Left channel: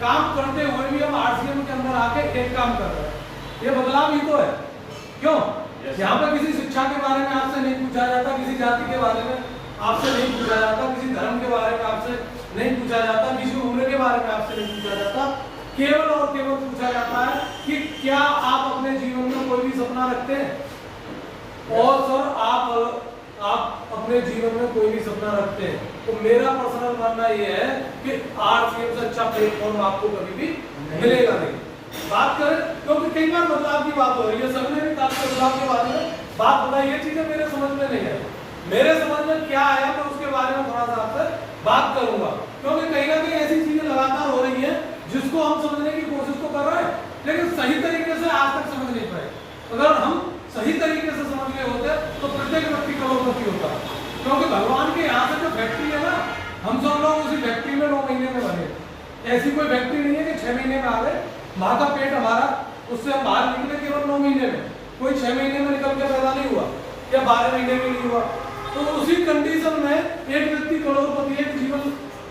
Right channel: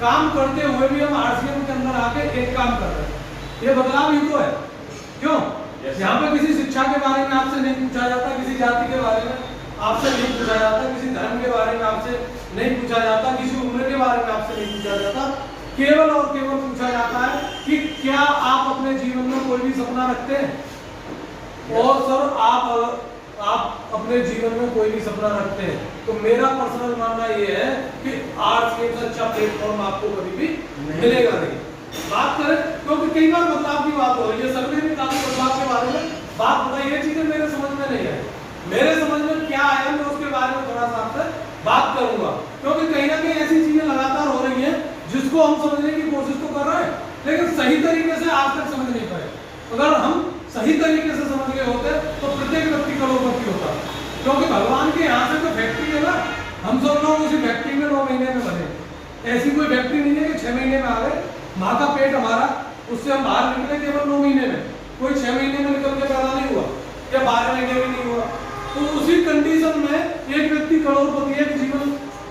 काम करते हुए भी हम आरसीएम के अंदर आके एक काम कर रहे हैं, ये बदलाव ही तो है। क्यों? यहाँ पे किसी शिक्षा के बारे में आपसे नहीं पूछा जाता, किसी जाति के बारे में आपसे नहीं पूछा जाता, किसी धर्म के बारे में आपसे नहीं पूछा जाता, किसी उम्र के बारे में आपसे नहीं पूछा जाता। केवल और केवल पूछा जाता है कि क्या आप अपने जीवन में कोई भी सपना रखते हैं? और सर आप अपने जीवन में कोई भी सपना रखते हैं तो मेरा पर्सनल मानना ये है कि आरसीएम से अच्छा प्लेटफॉर्म आपको कभी भी मिलेगा नहीं। बात करें क्योंकि कई बार बदलाव की बात हो रही है, सबने भी काफी बदलाव के बारे में बात बताई, ये चीजें मेरे समझ में नहीं आई। मेरे समझ में क्या आया मैं उसके बारे में थोड़ा सा आपसे बात करूंगा, क्योंकि कहीं ना कहीं ऐसी चीजें लगातार हो रही है जिसको हम समझने की कोशिश तो कर रहे हैं लेकिन सही तरीके से आज तक समझ नहीं पाए। अगर हम सही तरीके से समझ गए होते तो प्रत्येक व्यक्ति करोड़पति होता, क्योंकि भगवान के यहाँ से जो फैक्ट्री है ना, हम सब लोग उसी फैक्ट्री में 9 महीने में बने। ऐसी कोई फैक्ट्री नहीं है कि 6 महीने में आ गए। माँ का पेट हमारा, उससे हम बाहर निकले केवल 9 महीने में, कोई 6 महीने में निकल के पैदा नहीं हुआ या 12 महीने में नहीं हुआ। तो उसी कंडीशन में एक व्यक्ति करोड़पति, एक जीवन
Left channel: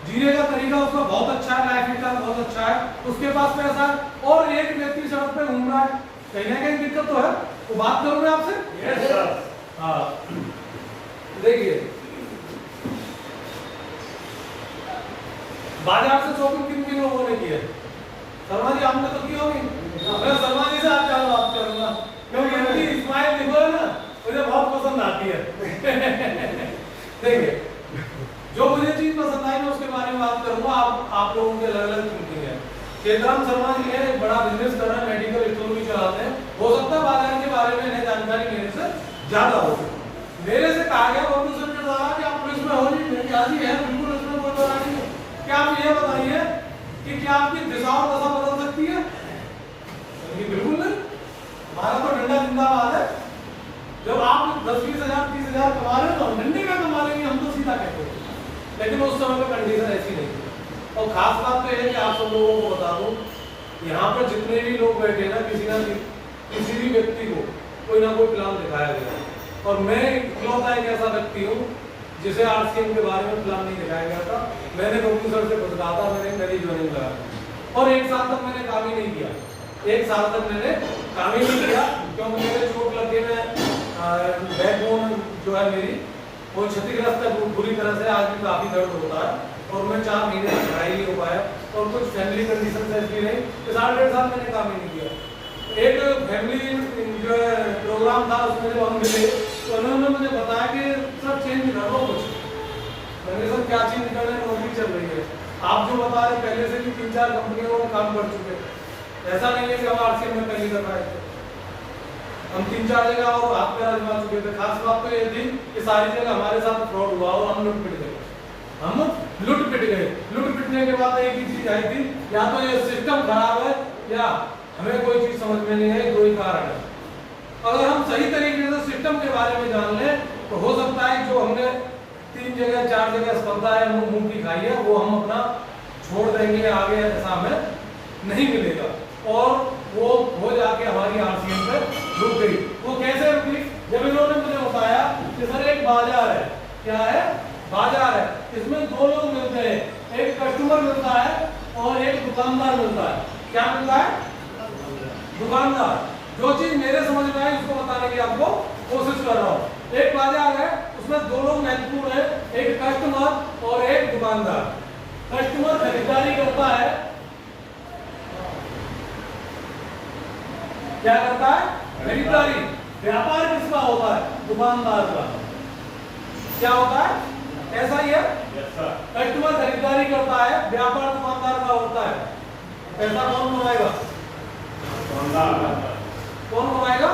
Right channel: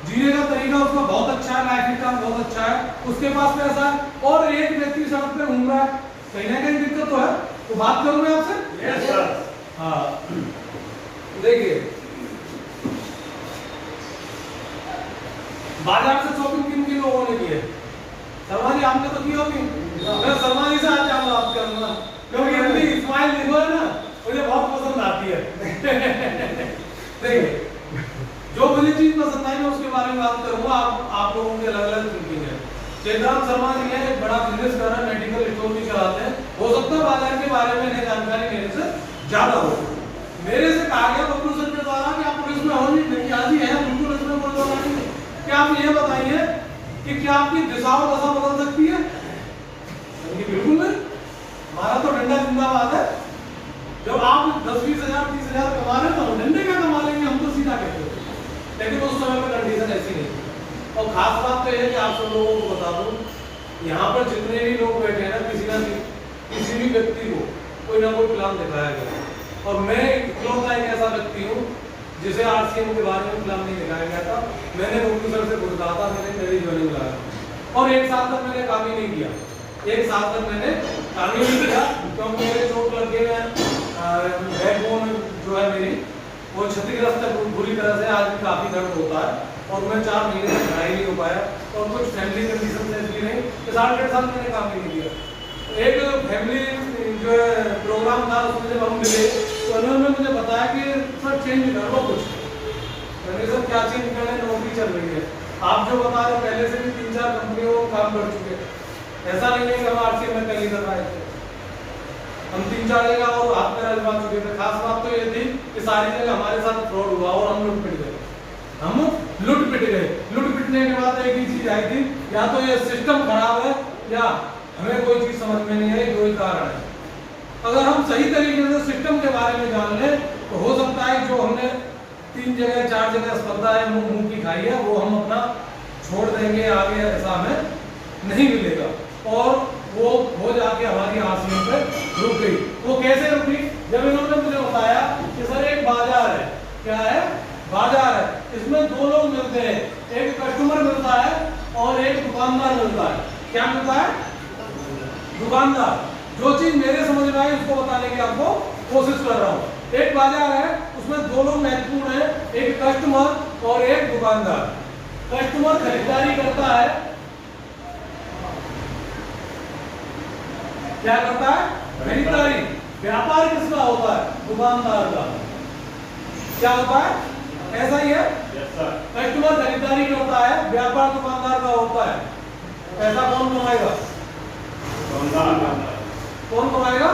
जीने का तरीका उसका बहुत अच्छा है, लाइफ स्टाइल बहुत अच्छा है, उसके पास पैसा है, और एक व्यक्ति सड़क पे घूम रहा है, कहीं ना कहीं दिक्कत तो है। तो बात करूं मैं आपसे? Yes sir. हाँ, देखिए बाजार से शॉपिंग किन लोगों ने की है? शर्मा जी आपने तो की होगी। मैं शर्मा जी से आज चाहूंगा आप करूंगा, क्योंकि अपनी स्माइल देखो है ना, मुझे बहुत पसंद आती है। देखिए जो मुझे चीज पसंद आई मैं उसके बारे में बात करूंगा। आप लोगों के अलग अलग थिंकिंग है। चेतराम शर्मा जी हैं, एक बड़ा बिजनेस कर रहे हैं, मेडिकल स्टोर भी चलाते हैं। हो सकता है बाजार के बारे में इन्हें जानकारी मेरे से ज्यादा हो। मेरे से कहा गया बबलू सर के द्वारा कि आप पुलिस में हो नहीं, क्या जी है, बिल्कुल इसमें कोई बोला नहीं। क्या आप ये बताइए कि क्या आपकी दिशा और दशा बदल सकती है? बिल्कुल नहीं। हमारा तो डंडा जिंदाबाद है। जब आप 10-20 हजार 30 हजार कमा रहे तो हम डंडे का कमा लेंगे, हम तो सीधा कहते हैं। लेकिन उस समय में कंडीशन ऐसी नहीं थी। और खास बात तो यह है कि आप सब लोगों को बता दूं, यहाँ पर जितने भी लोग बैठे हैं ना, किसी भी व्यक्ति को कोई ना कोई प्लान दिखाया गया, और मैं इकलौता एक ऐसा व्यक्ति हूँ जिसे आरसीएम के बारे में प्लान नहीं दिखाया गया था। मैंने बबलू सर से खुद कहा था, मैंने मेरी ज्वाइनिंग लगाया और 1 साल तक मैंने काम ही नहीं किया। 1 साल तक मैंने काम ही नहीं किया क्योंकि मेरे चोट लगे हुए बैकबोन जो है मेरी वो क्षतिग्रस्त है बुरी तरह से, आज भी काफी दर्द होता है, और मैं 4 महीने तक पढ़ाई नहीं हो पाया, और कुछ फैमिली कंडीशन ऐसी रही कि 1.5 साल मैंने काम ही नहीं किया। एक फैमिली जो प्रोग्राम था उसमें जब हम मिले तो उन्होंने मुझे बताया कि सर चेंज कर लो कुछ। मैंने सर क्या चेंज करना है, नौकरी चल रही है, आप जो बता रहे पहले से भी 3-4 कंपनियों में काम कर चुके हैं। ऐसा नहीं है कि हम आरसीएम में पहली दफा आए थे, हम 3-4 जगह और हाथ पैर आजमा चुके थे। खास बात तो ये थी कि सारी जगह हमारे साथ फ्रॉड हुआ और हम लुट पिट गए। लुट पिटने के बाद एक ही चीज आई थी, या तो ये सिस्टम खराब है या हमें कोई चीज समझ में नहीं आई, 2 ही कारण है। अगर हम सही तरीके से सिस्टम के बारे में जान लें तो हो सकता है जो हमने 3 जगह 4 जगह स्पर्धा है मुंह की खाई है वो हम अपना छोड़ देंगे, आगे ऐसा हमें नहीं मिलेगा, और वो हो जाके हमारी आरसीएम पे रुक गई। वो कैसे रुकी? जब इन्होंने मुझे बताया कि सर एक बाजार है, क्या है, बाजार है, इसमें 2 लोग मिलते हैं, एक कस्टमर मिलता है और एक दुकानदार मिलता है। क्या मिलता है? दुकानदार। जो चीज मेरे समझ में आई उसको बताने की आपको कोशिश कर रहा हूँ। एक बाजार है, उसमें 2 लोग महत्वपूर्ण है, एक कस्टमर और एक दुकानदार। कस्टमर खरीदारी करता है, क्या करता है? खरीदारी। व्यापार किसका होता है? दुकानदार का। क्या होता है? ऐसा ही है। कस्टमर खरीदारी करता है, व्यापार दुकानदार का होता है। पैसा कौन कमाएगा? कौन कमाएगा?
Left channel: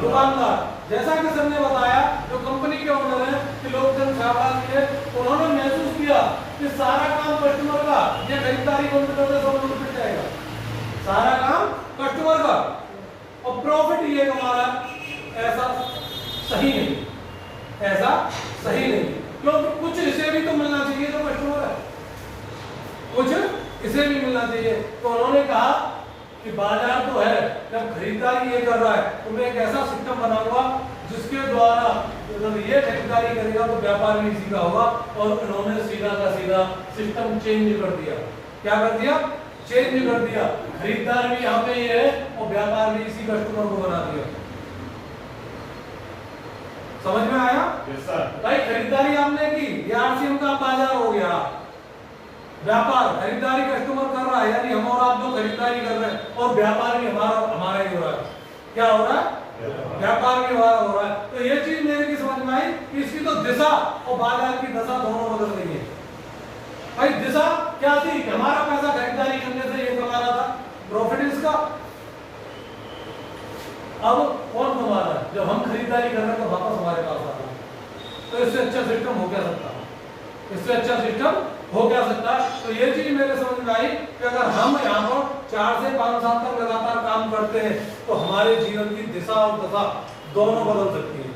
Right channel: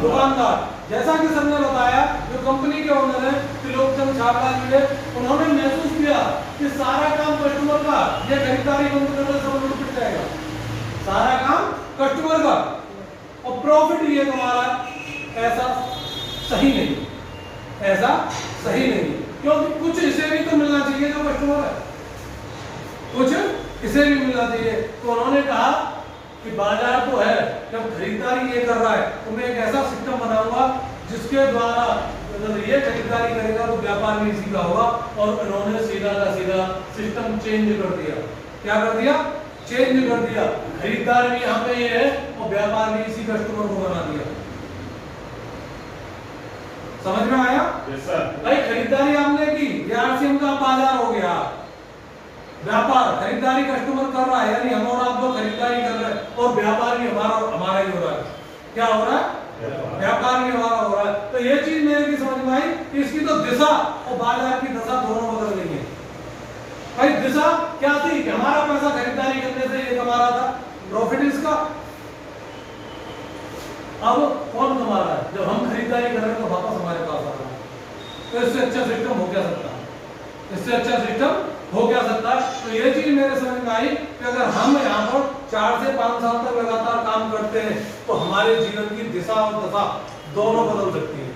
दुकानदार। जैसा कि सर ने बताया, जो कंपनी के ओनर है त्रिलोकचंद छाबड़ा जी ने, उन्होंने महसूस किया कि सारा काम कस्टमर का, ये खरीदारी बंद कर दे सब लूट पिट जाएगा। सारा काम कस्टमर का और प्रॉफिट ये तुम्हारा, ऐसा सही नहीं, ऐसा सही नहीं, क्योंकि कुछ इसे भी तो मिलना चाहिए जो कस्टमर है, कुछ इसे भी मिलना चाहिए। तो उन्होंने कहा कि बाजार तो है, जब खरीदारी ये कर रहा है तो मैं एक ऐसा सिस्टम बनाऊंगा जिसके द्वारा ये खरीदारी करेगा तो व्यापार भी इसी का होगा। और इन्होंने सीधा का सीधा सिस्टम चेंज कर दिया। क्या कर दिया? चेंज कर दिया, खरीदार भी यहाँ पे ये है और व्यापार भी इसी कस्टमर को बना दिया। समझ में आया? Yes sir. भाई खरीदारी हमने की, ये आरसीएम का बाजार हो गया। व्यापार खरीदारी कस्टमर कर रहा है, यानी हम और आप लोग खरीदारी कर रहे हैं और व्यापार भी हमारा ही हो रहा है। क्या हो रहा है? व्यापार भी हमारा हो रहा है। तो ये चीज मेरे की समझ में आई कि इसकी तो दिशा और बाजार की दशा दोनों बदल रही है। भाई दिशा क्या थी कि हमारा पैसा खरीदारी करने से ये कमा रहा था, प्रॉफिट इसका। अब कौन कमा रहा है? जब हम खरीदारी कर रहे हैं तो वापस हमारे पास आ रहा है। तो इससे अच्छा सिस्टम हो क्या सकता है? इससे अच्छा सिस्टम हो क्या सकता है? तो ये चीज मेरे समझ में आई कि अगर हम यहाँ पर 4 से 5 साल तक लगातार काम करते हैं तो हमारे जीवन की दिशा और दशा दोनों बदल सकती है।